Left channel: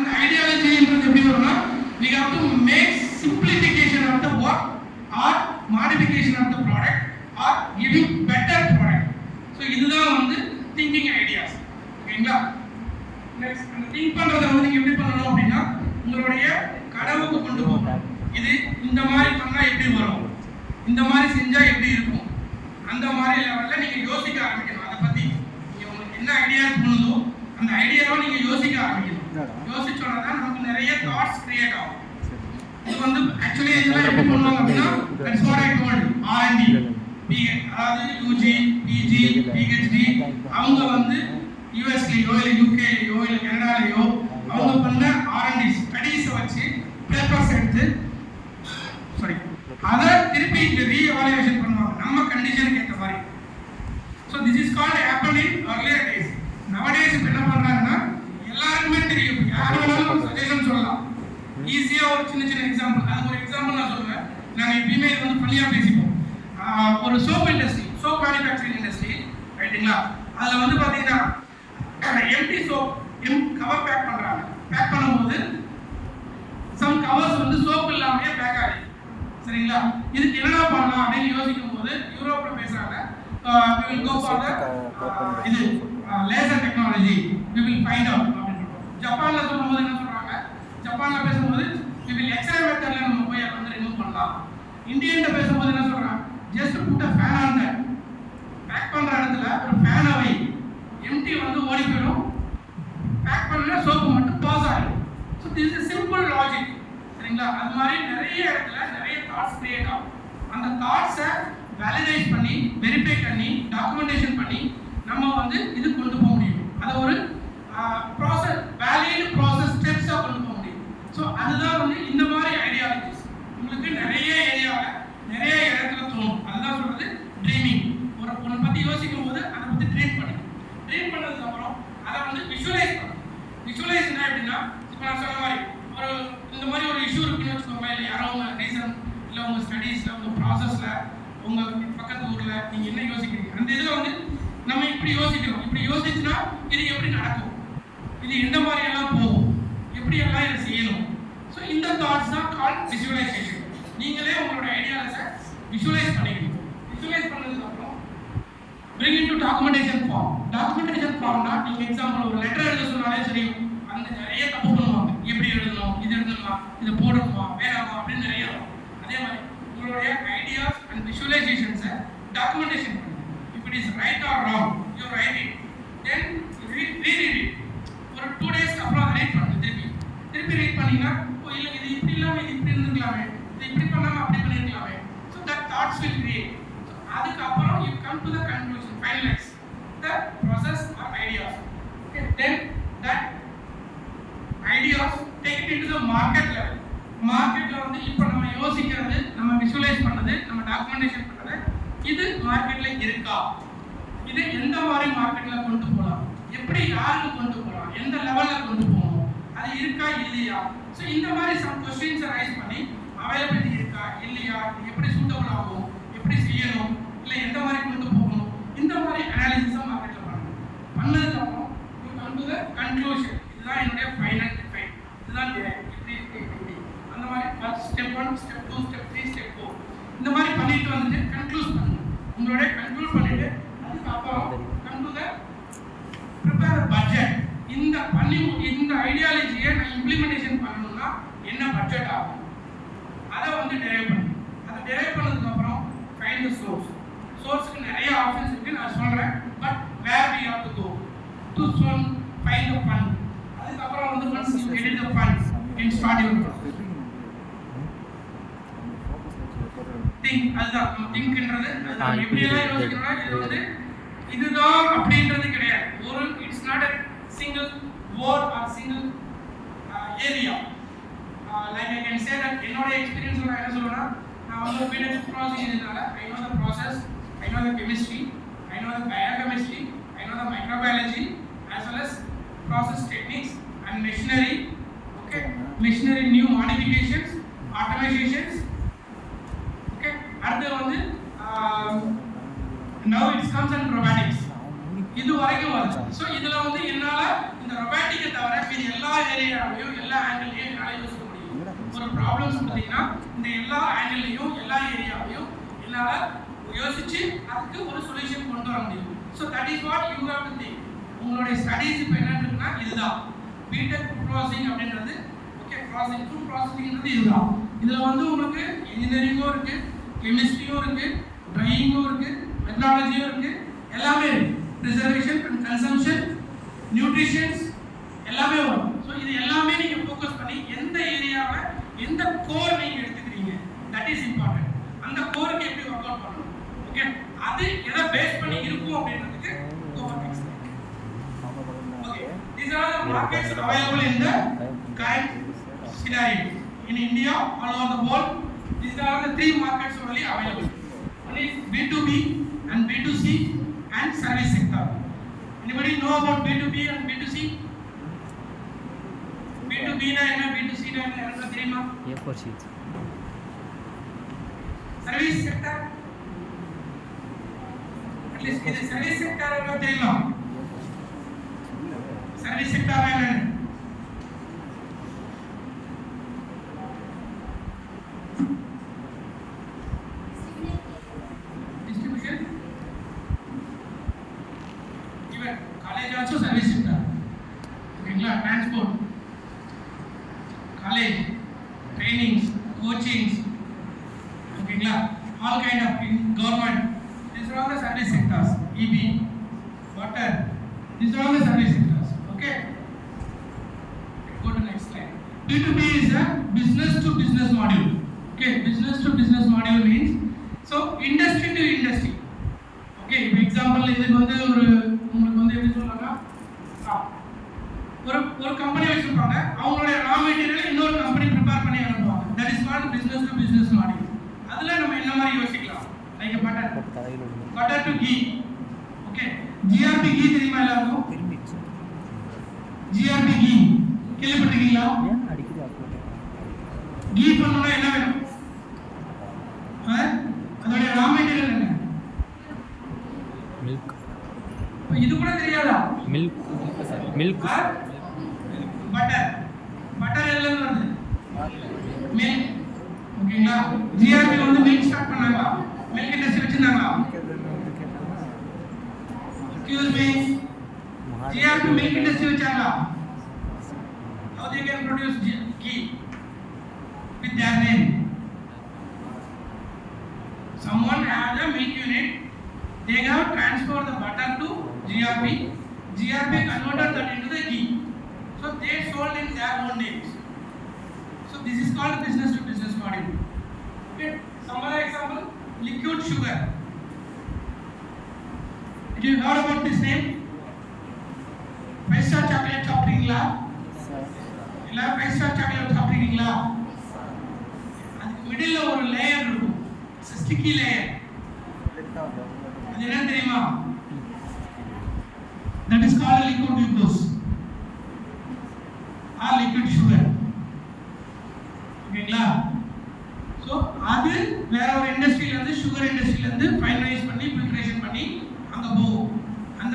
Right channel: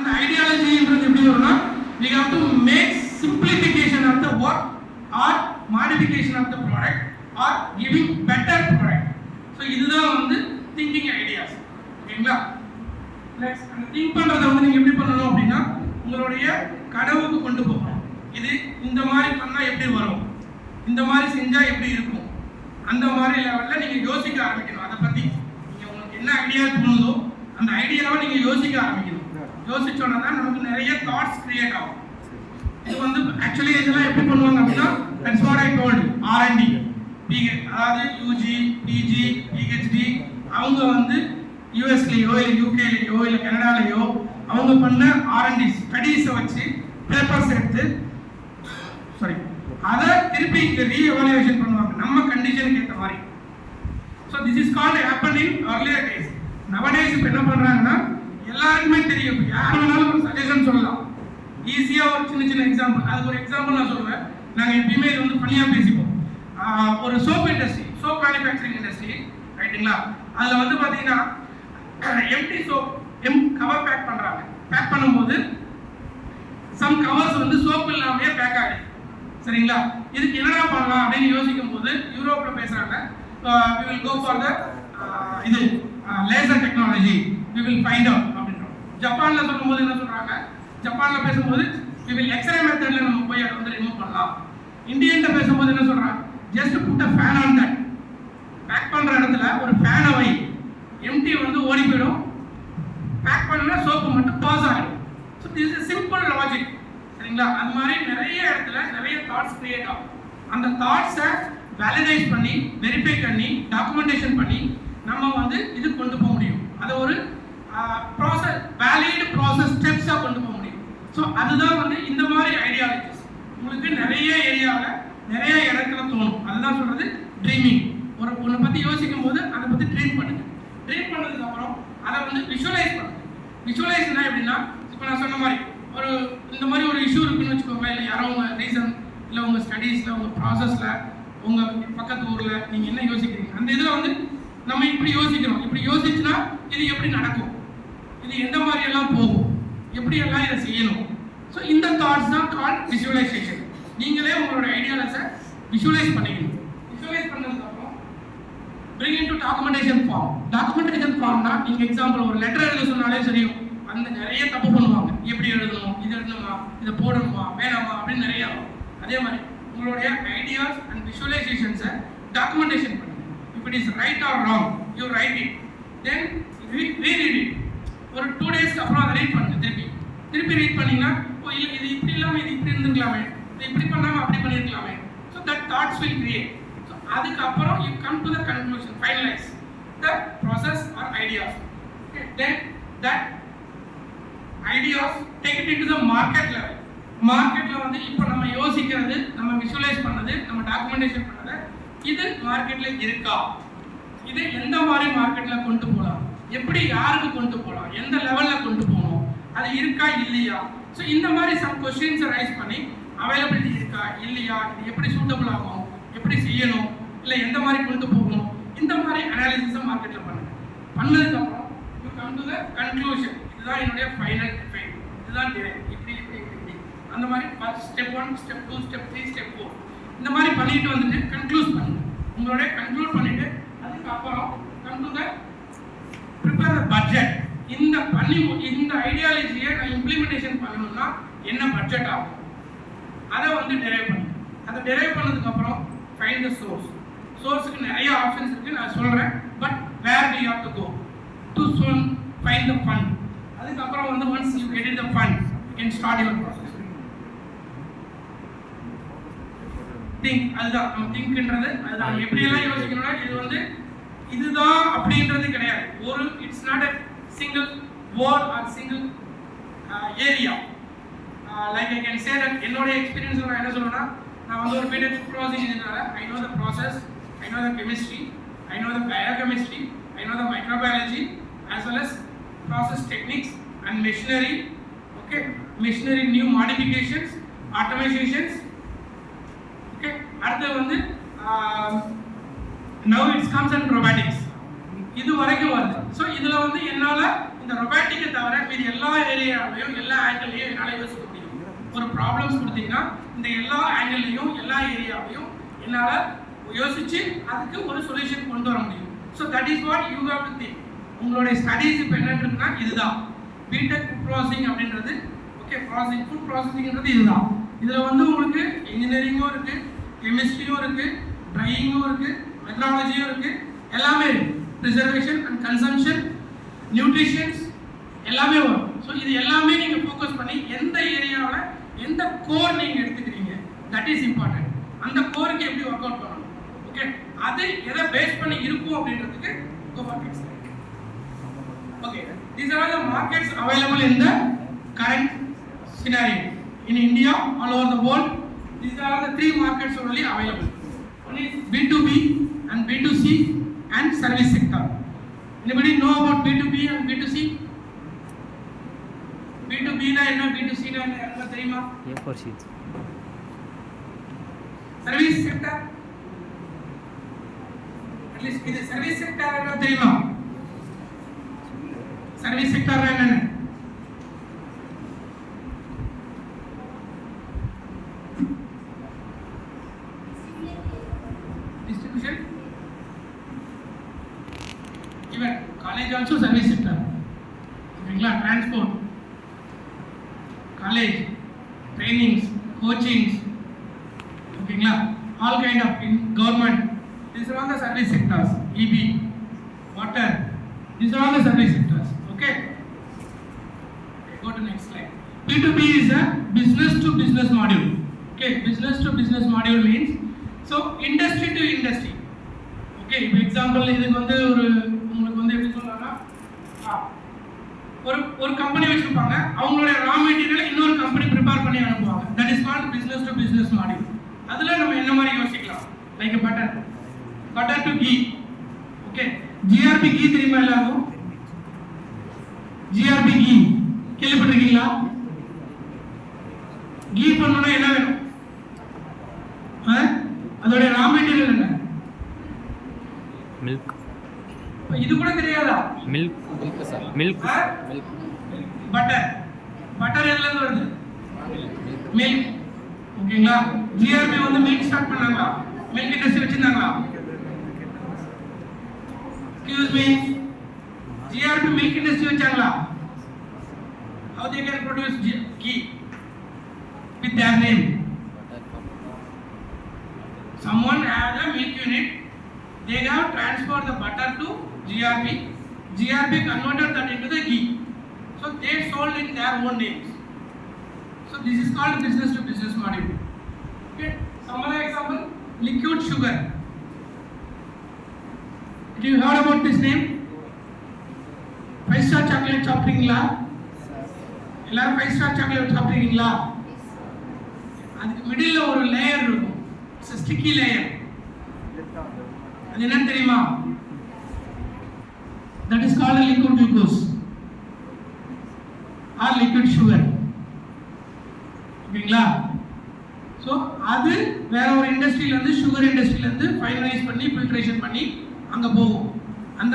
அந்த ஐடியாலஜின்றது எப்படி வரும்னா we have to make simplification of the work or modification of the product or giving better product. So இதுதான் வந்து thinking ideas. ஓகேங்களா? Next அந்த திங்க் பண்றதை வந்து நீங்க எப்படி பண்ணணும் அப்படின்னா உங்களுடைய கனவுக்கு கொண்டு போகணும். இது இந்த மாதிரி பண்ணா எப்படி வரும், இந்த மாதிரி செஞ்சா எப்படி இருக்கும், அந்த மாதிரி லெவல்ல நீங்க யோசிக்க ஆரம்பிக்கணும். அதை பத்தி நீங்க உங்களுக்கு என்ன ஐடியா தோணுதோ அந்த ஐடியாவை நீங்க யோசிக்க ஆரம்பிக்கணும். யோசிச்சோன்னா தான் நமக்கு நிறைய தாட்ஸ் கிரியேட் ஆகும். இது வந்து ஆக்சுவலி இதெல்லாம் எப்படி பண்ணுவாங்க அப்படின்னா that's what I told R&D அதாவது யூஜி பிஜி பிஹெச்டி அவங்க வந்து யூஎஸ்லேயோ இல்லை யூகேலையோ இல்லை கனடாலேயோ அவங்க பண்ண R&D ஸ்டடீஸை வச்சு பேப்பர்ஸ் எடுத்து அதை திருப்பி இங்கே ரீஎவாலுவேஷன் பண்ணுவாங்க நம்ம கண்டிஷனுக்கு ஏற்ற மாதிரி. So this is called happen in earlier days. nowadays இப்போ என்ன பண்ணுறாங்கன்னா எல்லாருக்குமே தெரியும், யார் வேணாலும் ஒரு சஜஷன் சொல்லலாம். ஈஸியாக ஒரு சின்ன சின்ன எக்ஸாம்பிள், அதுக்கு ஒரு எக்ஸாம்பிள் நான் சொல்லுவேன். நாங்கள் எப்பயுமே இது வந்து தனியாக பேசிப்போம். ஒரு soap industry, soap manufacturing industry ரைட்டுங்களா, அதில் வந்து பார்த்தீங்கன்னா எம்டி சோப் கவர் பேக் பண்ணுறாங்க. பேக் பண்ணும்போது சம் கவர்ஸ் வந்து சோப் இல்லாமையே பேக் ஆகுது. சரிங்களா, இதுக்கு என்னடா பண்ணலாம் அப்படின்னு யோசிக்கும் போது யூரோப்பில் பேசுகிறாங்க we will go for the இது laser technology we will find out அப்படின்னு. ஜப்பானில் சொல்லும்போது என்ன சொல்கிறாங்க, ஜப்பானில் பேசும்போது we will எக்ஸ்ரே மெத்தடில் நம்ம போய் அதை வந்து ரிமூவ் பண்ணலாம். இந்தியன்ட்ட பேசும்போது என்ன சொல்கிறாங்க, just put a fan on that. Pack பண்ணுற இடத்துல ஒரு ஃபேனை வை, எம்டி வந்து ஓடி போயிடும், பேக் பண்ணா சோப்பு மட்டும் பாஸ் ஆகிடும். So this is simple logic. சரிங்களா, அது மாதிரி நிறைய இடத்துல நிறைய தாட்ஸ் கிரியேட் ஆகும். அந்த தாட்ஸை வேலிடைஸ் பண்ணி வெரிஃபை பண்ணி டாக்குமெண்டேஷன் பண்ணி நம்ம வந்து இது கொண்டு போக முடியும். அதை ஒரு ப்ராசஸ் வேலிட் ப்ராசஸ் ஸ்டெப்ஸாக கொண்டு போக முடியும். ஸோ அதுதான் வந்து இந்த மாதிரி ஐடியாலஜிஸ் உங்களுக்கு நிறைய ஏரியாவில் நிறைய இடத்துல தோணும். அதுதான் சொல்கிறது ட்ரீமிங். ஒன்றை பற்றி யோசிக்கும் போது அதை பற்றி ட்ரீம் பண்ணிக்கணும். ட்ரீம் பண்ணதுக்கப்புறம் அதை வந்து விஷுவலைஸ் பண்ணணும். விஷுவலைஸ்னா எப்படின்னா இப்போ நான் சொன்ன மாதிரி ஒரு இந்த மாதிரி ஒரு இஷ்யூ இருக்குன்னு வச்சுக்கோங்க, இல்லை யாரோ உங்கள் ரீசன் இல்லை உங்கள் ஸ்டடீஸில் உங்கள் ப்ராசஸில் உங்கள் பக்கத்து ஊரில் நீங்கள் என்ன யோசிக்கிறீங்க, அந்த இதில் வந்து நம்ம இப்படி யோசிக்கிறோம். இப்படி யோசிச்சுன்னா இது எப்படி நடக்கும், இது எந்த மாதிரியெல்லாம் போகும், எப்படியெல்லாம் இதை செய்யணும். ஸோ இந்த தாட்ஸ் தான் கால் விஷுவலைசேஷன். நீங்களே உங்களோட ஐடியாலஜை விஷுவலைஸ் பண்ணிக்கணும். விஷுவலைஸ் பண்ணதுக்கப்புறம் bring into documentation form. documentation formனா நீங்கள் எக்ஸாம்பிள் ஒரு லெட்டர் எழுத சொன்னாலே தெரியும், அந்த நிறைய தப்பு பண்ணுவாங்க. எப்படி எழுதணும், இது எழுதணுமா, இதை போடணுமா, வேணாமா அப்படின்னு நிறைய. அதே மாதிரி உங்களுடைய ஐடியாஸ் அண்ட் விஷுவலைசேஷன்ஸை டாக்குமெண்டேஷன் பண்ணுங்க. if it is right or wrong you write it, then read it. ஒரு 2 டேஸ்க்கு அப்புறம் அதை ரீட் பண்ணுங்க. திருப்பி ரீட் பண்ணீங்கன்னா ஓ இல்லை இது இப்படி இல்லாமல் இது இப்படி இருந்துக்கலாமே, இது இப்படி பண்ணாமல் அப்படி பண்ணியிருக்கலாமே. So that thoughts will create. So அதுக்கப்புறம் you come to the conclusion, finalize the process or ideas. Okay, then that ideas take it into the market level. மார்க்கெட்ல வந்து இப்போ நம்ம யோசிக்கிறது, நம்ம விஷுவலைஸ் பண்ணது, நம்ம டாக்குமெண்டேஷன் பண்ணது, இது மார்க்கெட்ல இருக்கா, இது எந்த மாதிரி மார்க்கெட்ல கொண்டு போகலாம், எப்படி யாருக்கு கொண்டு போகலாம், எந்த லெவல்ல கொண்டு போகணும், அது இருக்கா இல்லையா. ஸோ இந்த மாதிரி சம் கொஸ்டின்ஸை ரைஸ் பண்ணி அவைலபிலிட்டி இருக்கா இல்லையா, இது எப்படி சூட்டபிள் ஆகும், எப்படி செய்யணும், இல்லை எந்த மாதிரி கொண்டு போகணும், இந்த மாதிரி அனாலிசிஸை மார்க்கெட்டில் பண்ணணும். பண்ணதுக்கப்புறம் you come to the conclusion. இதுதான் என்னுடைய ஃபைனல் எஃபெக்ட், இதுதான் இப்படி அந்த மாதிரி ஸ்டெப் 1 ஸ்டெப் 2 ஸ்டெப் 3 ஸ்டெப் 4 இந்த மாதிரி பண்ணிட்டு வந்துட்டு கன்க்ளூட் பண்ணுங்க. உங்களோட கன்க்ளூட் பண்ணிட்டு அதுக்கப்புறம் come to the prepare the budget. இந்த ஐடியாலஜியை நான் இம்ப்ளிமெண்டேஷன் பண்ணணும்னா என்ன பட்ஜெட் ஆகும், அதை வந்து டெரைவ் பண்ணணும். அதை டெரைவ் பண்ணதுக்கப்புறம் ஃபைண்ட் த சோர்ஸ். சோர்ஸுக்கு நிறைய ஆப்ஷன்ஸ் இருக்குது, நான் சொல்கிறேன். But where we have to go to find the fund. அதுக்கப்புறம் வந்து once you get the funds you can start your process. Think, அதுதான் நம்ம திங்க்ன்றது. அது எப்படியெல்லாம் யோசிக்கணும்னா இது வந்து இதுதான் அப்படின்றது கிடையாது. ஒரு it's not a single word or single area. Like I can say that என்னோட எக்ஸ்பீரியன்ஸ் நான் என்ன சொல்றேன்னா, நான் வந்து ஒரு paediatric process engineer. I know the process, I know the chemistry, I know the biochemistry, I know the microbiology as well as process techniques and machinery. Okay, machinery new modifications, automations. Okay, அடுத்து வந்து now it comes in robotics. இது வரைக்கும் வருது. So இதில் வந்து என்னால் இந்த இந்த ரொபாட்டிக்கை தவிர மீதி எல்லா ஏரியாவிலையும் எல்லா ஆங்கிள்லையும் என்னால் யோசிக்க முடியும். ஒரு ப்ராப்ளம்ஸ் கொடுத்தீங்கன்னா இந்த எல்லா ஆங்கிள்லையும் எல்லா ஏரியாவையும் என்னால் யோசிச்சு அதுக்கு ஒரு சொல்யூஷன் கொண்டு வர முடியும். So that is what you have to think. உங்களுடைய ஸ்டடீஸ் இப்போ என்ன இருக்குன்னா இதுதான் பிடெக் ஃபுட் ப்ராசஸிங் அப்படின்றது. ஓகே, ப்ராசஸிங் ஃபுட் ப்ராசஸிங்ன்றது இதுதான். இதில் வந்து உங்களுக்கு இன்ஜினியரிங்கும் இருக்குது, கெமிஸ்ட்ரியும் இருக்குது, ட்ரையிங்கும் இருக்குது, மெட்ராலஜியும் இருக்குது, எல்லாமே இருக்குது. ப்ரிசர்வேஷன் அண்ட் கன்சம்ஷன், நியூட்ரிஷன்ஸ் எல்லாமே வரும். ஸோ இது எல்லாமே நீங்கள் ஃபோக்கஸ் பண்ணி எந்த ஏரியாவில் எந்த கோர் நீங்கள் எடுத்துக்கிறீங்க தட் இஸ் இம்பார்ட்டன்ட். அந்த கோருக்கு எப்படி ஒர்க் அவுட் பண்ணணும், ஓகே, அது எதை பேஸ் பண்ணி இருக்கும் அப்படின்றதுக்கு go for next. Okay, these are the markets available in the current scenario in India, all over the world. These are the three markets only available. One is B2B and B2C and service sector. Anybody know about B2B and B2C? B2B na enna, B2C na enna theriyuma? A4 sheets. Service sector. At least this service sector enna theriyuma? Service sector na enna? Distribution. Even college also service sector. Okay, transport, college, trainings, coachings, okay, all kind of government. These are all the service sectors. EB, water. These are all the service sectors. Okay. Go to next slide. B2B is a business to business module. Okay, business to business module means so industry to industry. Okay, for example, இதுக்கு வந்து ஒரு உங்களுக்கு வந்து எப்படி சொல்லலாம்னா ஒரு company வச்சிருப்பாங்க, அவங்களுடைய ரா மெட்டீரியலை இன்னொரு கம்பெனி ப்ரிப்பேர் பண்ணி அனுப்புவாங்க. That is called business to business model. அதுல நம்ம என்ன மாதிரி யோசிக்கலாம், like butter to ghee. Okay, GRB ghee தெரியுமா எல்லாருக்கும்? ஜிஆர்பி கீ கேள்விப்பட்டிருக்கீங்களா? கீ பண்ணனும்னா என்ன வேணும்? அதோட ரா மெட்டீரியல் என்ன? மில்க். இது கூட தெரியாதா? மில்க். பட்டர் எதுல இருந்து வருது? மில்க். ஓகேங்களா? ஜிஆர்பி வந்து மில்க் ஸ்டார்ட் பண்ணாங்க, மில்க் இண்டஸ்ட்ரி வச்சிருந்தாங்க. Excuse me, GRB milk industry வச்சாங்களா? How they can produce ghee with their name? Someone has a milk unit, they have transferred the butter to GRP. GRP converted that into the ghee. So they sold in their own names. So this is called business to business model. Okay. Some other example, liquid sugar. Did you heard about this name? 5-star chocolate சாப்பிட்டீங்களா? இல்ல 5-star chocolate சாப்பிட்டீங்களா? அதுக்கு மிடில்ல ஒரு layer இருக்கும், sticky layer. அது என்ன தெரியுமா? That is called liquid glucose or liquid sugar. ஓகேங்களா? ஸோ அது வேற ஒரு இண்டஸ்ட்ரியில இருந்து, சுகர் இண்டஸ்ட்ரியில இருந்து ஃபைனலைஸ் பண்ணி ஃபில்ட்ரேஷன் பண்ணி அங்க போகும். அந்த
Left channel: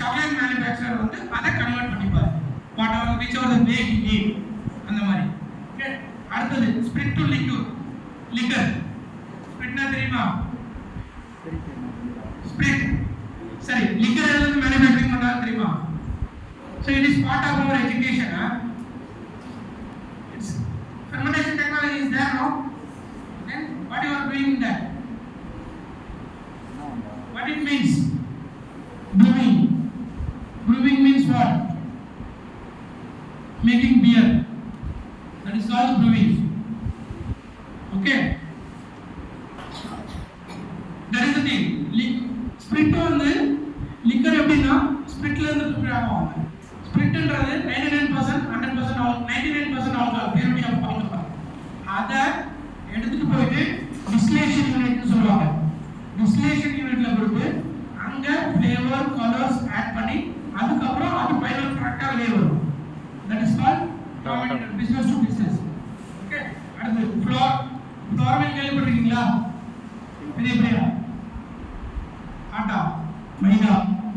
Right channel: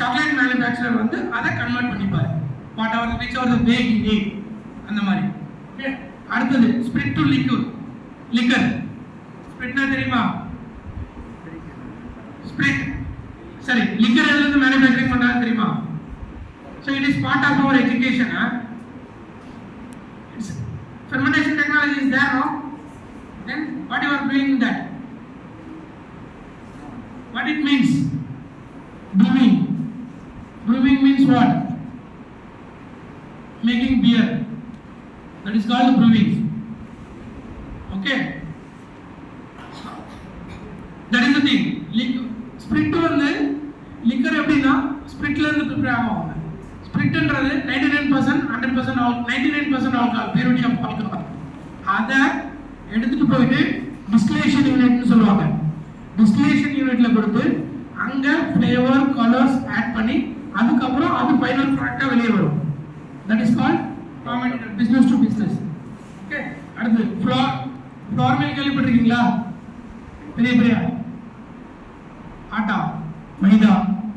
சாக்லேட் மேனுஃபேக்சரர் வந்து அதை கன்வெர்ட் பண்ணிப்பார், what are which are the way he need அந்த மாதிரி. ஓகே, அடுத்தது ஸ்பிரிட் டு லிக்விட். லிக்கர் ஸ்பிரிட்னா தெரியுமா? ஸ்பிரிட் சரி, லிக்கர் எதுல இருந்து மேனுஃபேக்சரிங் பண்றாங்க தெரியுமா? So it is part of our education. Fermentation technology is there, no? Then what you are doing in that? What it means? Brewing. Brewing means what? Making beer. That is called brewing. Okay. That is the thing. Spirit வந்து liquor எப்படின்னா ஸ்பிரிட்ல இருந்து prepare ஆகும். ஸ்பிரிட்ன்றது 99% 100% all 99% alcohol, purity of alcohol. அதை எடுத்துட்டு போயிட்டு distillation யூனிட்னு சொல்லுவாங்க. டிஸ்டிலேஷன் யூனிட்ல கொடுத்து அங்க ஃப்ளேவர் கலர்ஸ் ஆட் பண்ணி அதுக்கப்புறம் அது ஃபைனல் ப்ராடக்ட்டா வெளியே வரும். That is called business to business. Okay, அடுத்து ஃப்ளோர். ஃப்ளோர் மில் கேள்விப்பட்டிருக்கீங்களா? பெரிய பெரிய ஆட்டா, மைதா.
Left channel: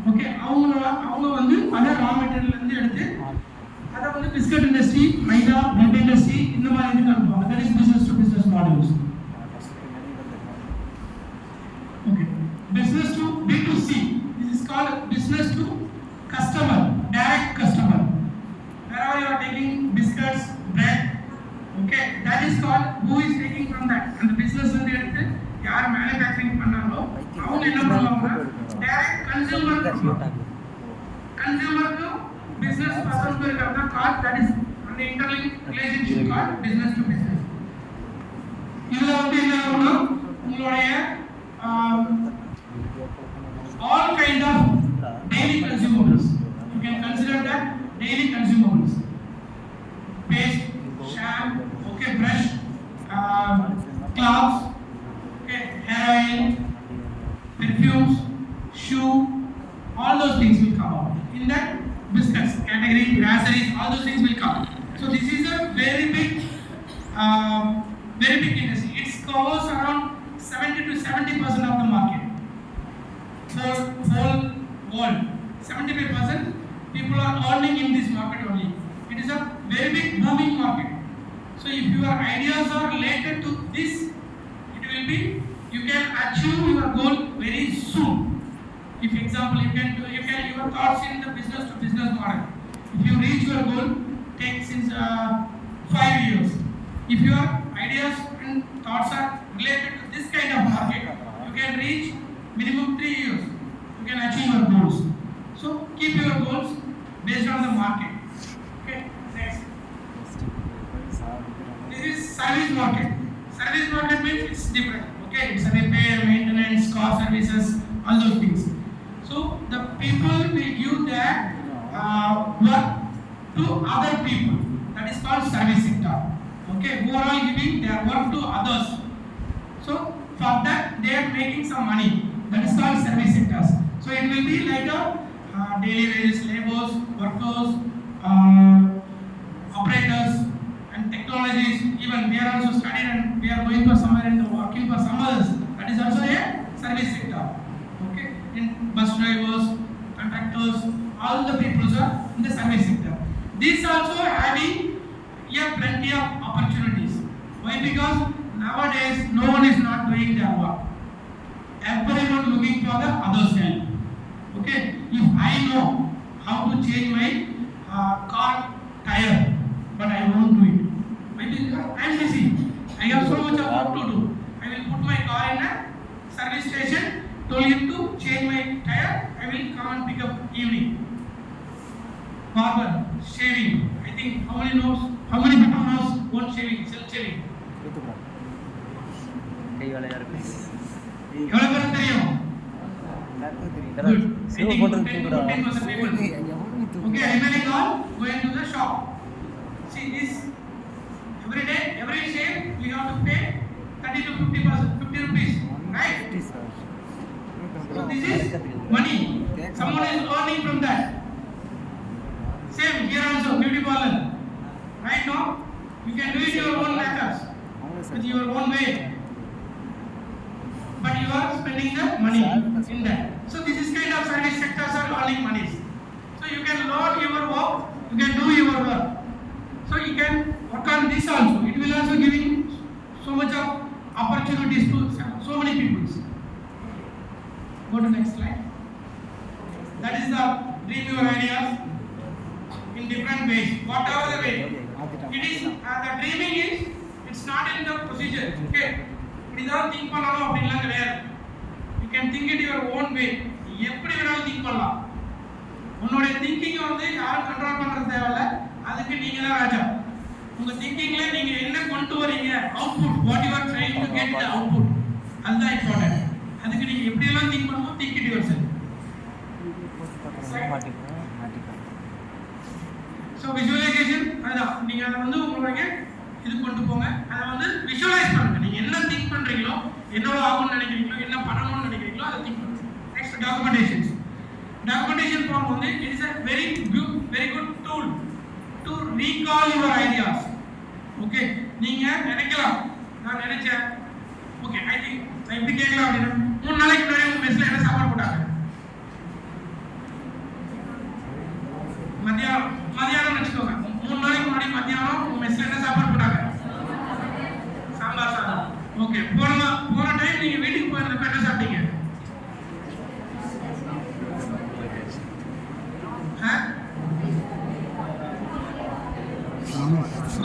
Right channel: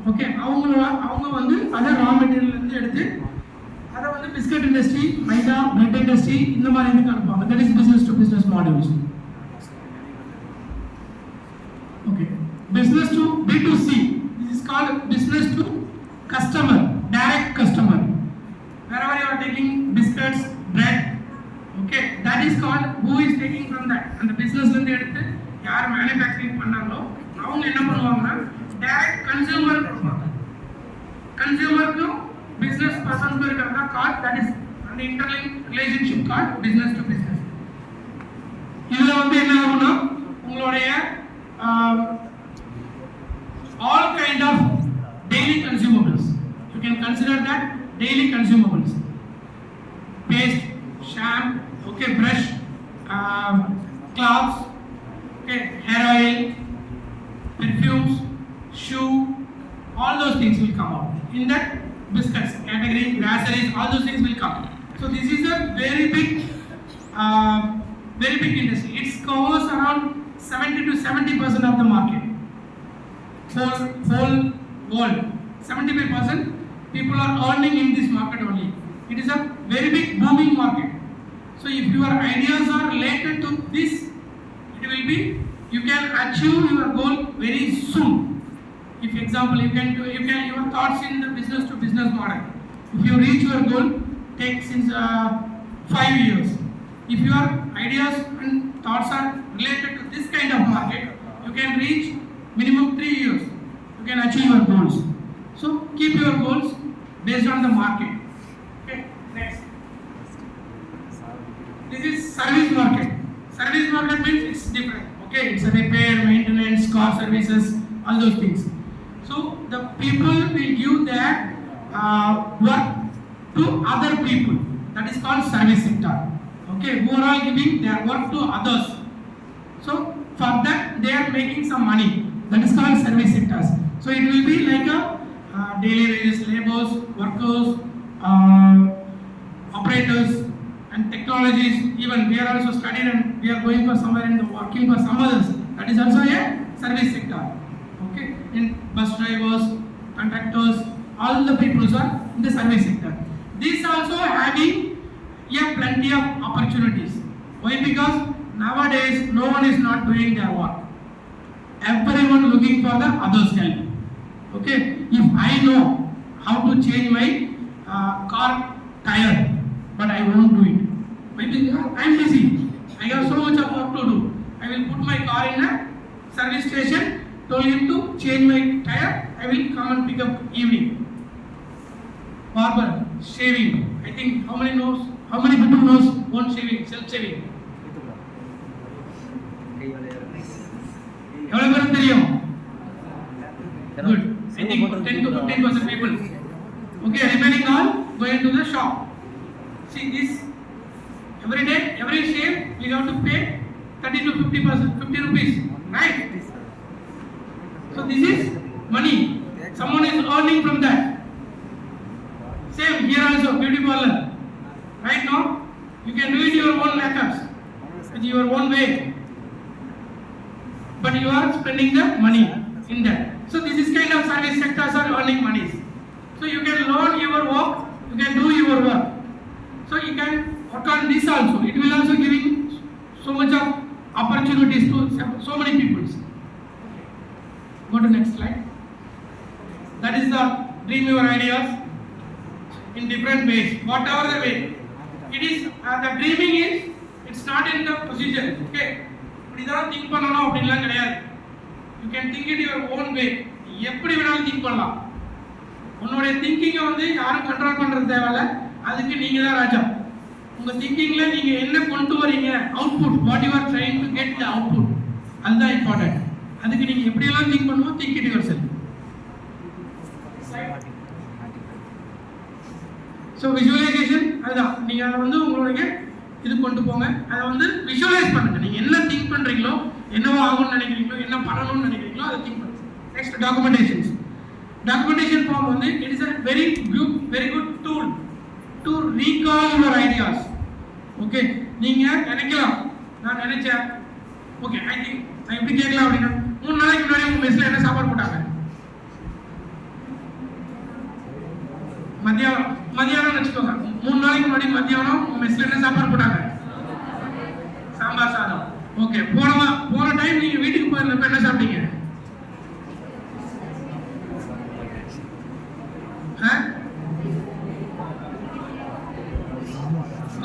ஓகே, அவங்க வந்து அதை ரா மெட்டீரியல் இருந்து எடுத்து பிஸ்கட் இண்டஸ்ட்ரி, மைதா, பிரெட் இண்டஸ்ட்ரி இந்த மாதிரி இதுக்கு அனுப்புவாங்க. That is business to business models. Okay, business to B2C. This is called business to customer, direct customer. Wherever you are taking biscuits, bread, okay, that is called who is taking from that. And the business வந்து எடுத்து யார் manufacturing பண்ணாங்களோ அவங்க என்ன பண்ணுவாங்கன்னா direct consumer கொடுப்பாங்க. கன்சூமருக்கும் business பர்சனுக்கும் இருக்கிறதா கால், that is அந்த interlink relationship call business to business. இதுல வந்து என்ன ஆகும்னா உங்களுடைய all kind of daily consumables, you can consider that daily consumables, paste, shampoo, okay, brush, cloths, okay, hair oil, perfumes, shoe, all those things will come out in that biscuits category, groceries, all those things will come. So this is a very big industry. It covers around 70 to 70% of the market. Whole world, 75% people are earning in this market only. It is a very big booming market. So if your ideas are related to this, it will be, you can achieve your goal very soon. If example you can your thoughts in the business to business model, if you reach your goal, take since 5 years. If your ideas and thoughts are related to this kind of market, you can reach minimum 3 years. You can achieve your goals. So keep your goals based on the market. Okay, next. This is service market. Service market means it's different. Okay, it's a repair, maintenance, car services, all those things. So the people will give their work to other people. That is called service sector. Okay, who are all giving their work to others. So for that they are making some money. That is called service sectors. So it will be like a daily wages, laborers, workers, operators, and technologies. Even we are also studying and we are going for somewhere and working for some others. That is also a service sector. Okay, in bus drivers, conductors, all the people are in the service sector. This also having plenty of opportunities. Why? Because nowadays no one is not doing their work. Everyone looking for the other's help. Okay, if I know how to change my car tire, but I won't do it. Why? Because I am busy. I have so much of work to do. I will put my car in a service station, told him to change my tire. I will come and pick up evening. Barber, shaving. I think how many people knows one shaving, self shaving? எவ்வளவு பேருக்கு தெரியும்? Good. I think 10 to 15% people. Okay, remaining all going to the shop. See this, every day, every shave we have to pay 30 to 50 rupees, right? So this is money. Someone is earning from that. Same here also, beauty parlor. Right now, you can do it your own methods, with your own way. But you are spending the money in that. So this is kind of service sectors are earning money. So you can learn your work, you can do your work. So you can work on this also. It will also give you so much of opportunities to so many people. Go to next slide. That is the dream your ideas in different ways. Whatever the way, it is the dreaming is. It's not in the procedure. Okay. இப்படிதான் think பண்ணணும் அப்படின்லாம் கிடையாது. You can think it your own way. எப்படி வேணாலும் think பண்ணலாம். உன்னுடைய திங்கிங்கை வந்து யாரும் கண்ட்ரோல் பண்ணுறது தேவையில்ல. அதுக்கு நீங்கள் தான் ராஜா. உங்கள் திங்கிங்கில் நீங்கள் என்ன கொண்டு வரீங்க, output, what you are trying to get the output, அதுதான் இம்பார்ட்டன்ட். அதுக்கு நீங்கள் எப்படியெல்லாம் திங்க் பண்ணணும், think it your self. So visualisation அதுதான். நீங்கள் அதை வந்து உங்களுடைய இது கொண்டு போங்க. அதை வந்து விஷுவலைஸ் பண்ணுங்க. நீங்க என்ன திங்க் பண்றீங்களோ, என்னவோ ஆகும்னு நினைக்கிறீங்களோ, என்ன பண்ணணும்னு நினைக்கிறீங்களோ அதை திங்க் பண்ணுங்க. Next documentations. டாக்குமெண்டேஷன் ஃபார்ம் வந்து it is a very good tool to recall your ideas. Okay, நீங்க நினைக்கலாம், நான் நினைச்சேன், ஓகே ஐ திங்க் நான் இப்படி கேட்கலாம் அப்படின்னா 3 நாளைக்கு முன்னாடி உங்க மெஸ்ல என்ன சாப்பாடு போட்டாங்க, மதியானம் வச்சுக்கோங்க. 3 நாளைக்கு ஓகே, போன டைம் நீங்க வீட்டுக்கு போயிருந்தப்ப என்ன சாப்பிட்டீங்க?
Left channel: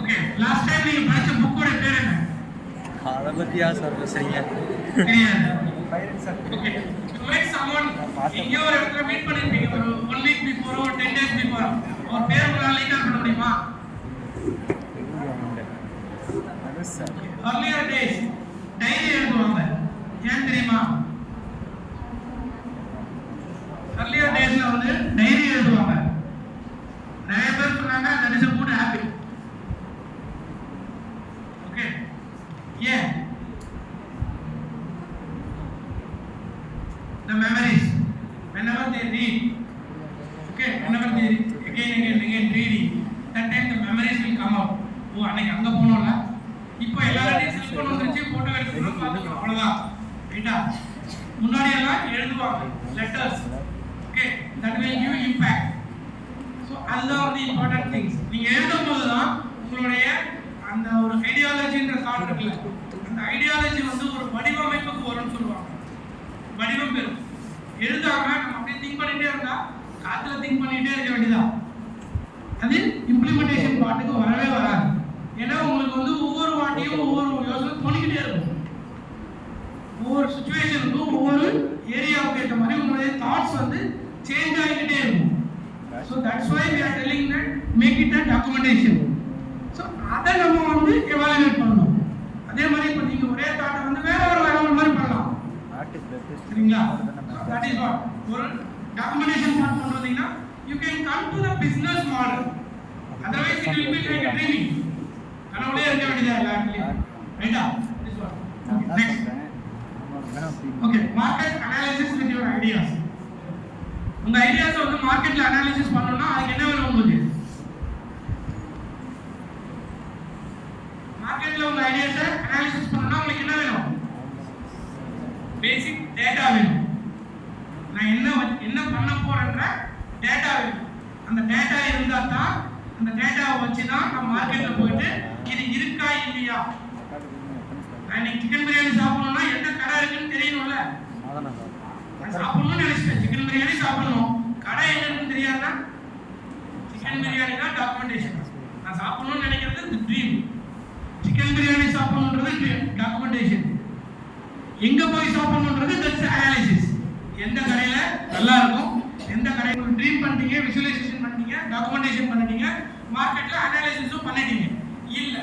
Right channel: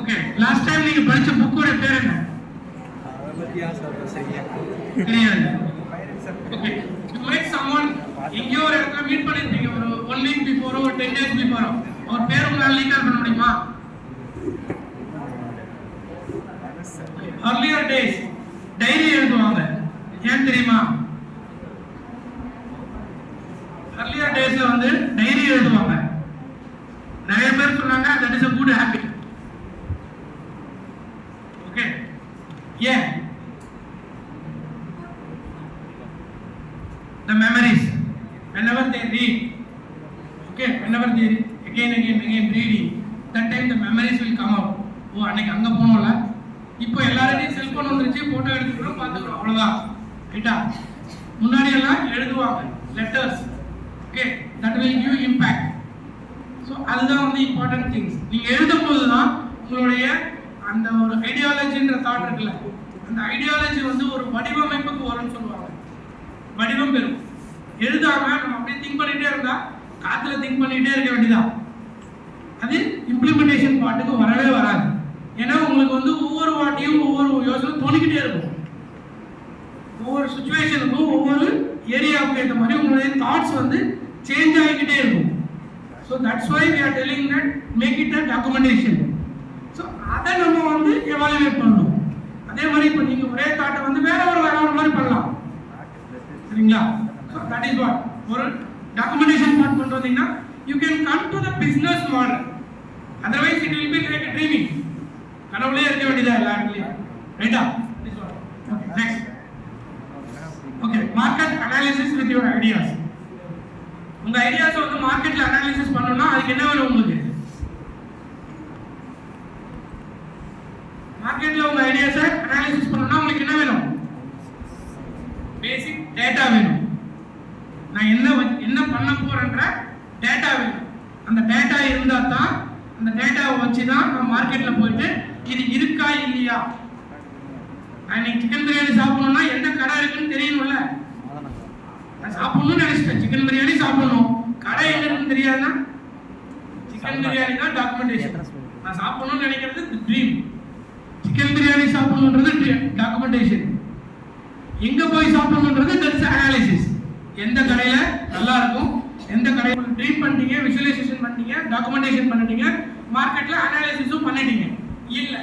ஓகே, லாஸ்ட் டைம் நீங்க படிச்ச புக்கோட பேர் என்ன? அதை பத்தியா சார் பேசுறீங்க? தெரியாது. ஓகே, யூ மீட் சம்வன் எங்கேயோ ஒரு இடத்துல மீட் பண்ணிருப்பீங்க, ஒரு 1 வீக் பிஃபோர், ஒரு 10 டேஸ் பிஃபோர். அவர் பேர் உங்களால லீக்கர் பண்ண முடியுமா? earlier days டைரி எழுதுவாங்க, ஏன் தெரியுமா? earlier daysல வந்து டைரி எழுதுவாங்க. நிறைய பேர் சொன்னாங்க that is a good habit. Okay, yeah, the memories whenever they read, okay, whenever they again reading, that time the memories will come out. ஓ, அன்னைக்கு அங்க போனோம்ல, இப்போ எல்லாரையும் செல்போன் வந்துருச்சு, போட்டோ எடுத்துக்கணும், பார்த்துக்கணும், அவ்வளவுதான். ரைட்டா? முன்னாடி எல்லாம் எழுதுவாங்க, letters. Okay, that will give impact. So அதுதான் வந்து இம்பார்ட்டன்ட் திங்ஸ். நீங்க எழுதும் போது தான் உங்களுடைய அந்த ஒரு ஐடியாலஜின்ற தாட் இருக்குல்ல, அந்த ஐடியாலஜி வந்து ஒரு வடிவமைப்புக்கு வரும்னு சொல்லுவாங்க. வடிவம் பெறும். எழுதாம நம்ம அப்படியே திங்க் பண்ணிட்டே இருந்தா காத்துல திங்க் பண்ணிட்டே இருக்க வேண்டியதான். அது இம்ப்ளிமெண்டேஷன் பாட்டுக்கு வரவே வராது. ஏன்னா உங்களுக்கு வந்து ஒவ்வொரு வாட்டியும் ஒவ்வொரு யோசனை தோணிக்கிட்டே இருக்கும். ஒவ்வொரு சுச்சுவேஷனுக்கும் ஒவ்வொரு ஏரியாவுக்கு ஏற்ற மாதிரி உங்களுடைய தாட்ஸ் வந்து சேஞ்ச் ஆகிக்கிட்டே இருக்கும். So that's why we are telling that make it a documentation. So அதை நம்ம வந்து எவாலுவேட் பண்ணணும். அதே மாதிரி இப்போ நீங்கள் ஒரே தாட்டை வந்து வேற ஒரு மாதிரி பண்ணலாம், சரிங்களா? ஸோ தட் இஸ் வாட் ஒரு டாக்குமெண்டேஷன் ஸ்டார்ட் பண்ணுறீங்கன்னா you can come to the business model. Otherwise it will be like a dreaming. கனவுலே இருக்க வேண்டியதா எல்லா இடத்துலையும். ரைட்டா? This what. Okay, next. Okay, market analysis with your ideas. உங்க ஐடியாஸ் வந்து மார்க்கெட்ல அனாலிசிஸ் பண்ணனும்னா அதுக்கு என்ன வேணும் உங்களுக்கு? மார்க்கெட்ல உங்க ஐடியாஸை அனாலிசிஸ் பண்ணனும்னா உங்களுக்கு என்ன வேணும்? பேசிக் டேட்டா வேணும். நான் என்ன பண்ண போறேன்ற டேட்டா வேணும். அந்த டேட்டா இருந்தா தான், அந்த டேட்டாவை வச்சு தான் நம்ம மார்க்கெட்ல போயிட்டு இது இருக்கா இல்லையா. நான் சிக்கன் பிரியாணி சாப்பிடணும்னா எந்த கடை இருக்குன்னு தெரியணும்ல. நான் சாப்பிடணும்னு நினைச்சிட்டேன், சிக்கன் பிரியாணி சாப்பிடணும், கடை எங்க இருக்குன்னு தெரியாதுன்னா சிக்கன் பிரியாணி தான் டாக்குமெண்டேஷன். நான் சாப்பிடணும்னு நினைக்கிறது ட்ரீம், சிக்கன் பிரியாணி சாப்பிடணுன்றது டாக்குமெண்டேஷன். எங்க போய் சாப்பிடணுன்றது தட்ஸ் அனாலிசிஸ். எந்த கடையில நல்லா இருக்கும், எந்த கடையில ட்ரீம் பண்ணிட்டீங்க, விசுவலைசேஷன் பண்ணிட்டீங்க, டாக்குமெண்டேஷன் பண்ணிட்டீங்க, மார்க்கெட்ல அனாலிசிஸும் பண்ணிட்டீங்க. இல்ல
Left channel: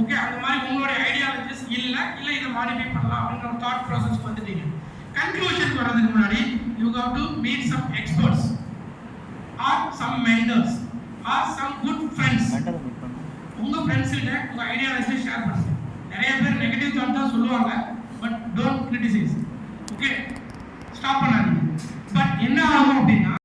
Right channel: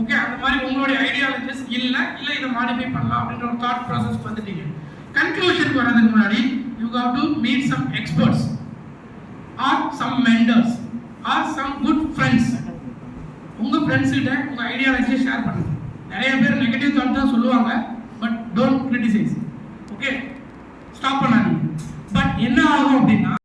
ஓகே, அந்த மாதிரி உங்களுடைய ஐடியாலஜிஸ் இல்ல இதை மாடிஃபை பண்ணலாம் அப்படின்ற ஒரு தாட் ப்ராசஸ் வந்துட்டீங்க. கன்க்ளூஷன் வரதுக்கு முன்னாடி you have to meet some experts or some mentors or some good friends. உங்க ஃப்ரெண்ட்ஸ் கிட்ட உங்க ஐடியாலஜியை ஷேர் பண்ணுங்க. நிறைய பேர் நெகட்டிவ் தாட் தான் சொல்லுவாங்க, but don't criticise. Okay, stop பண்ணாதீங்க. பட் என்ன ஆகும் அப்படின்னா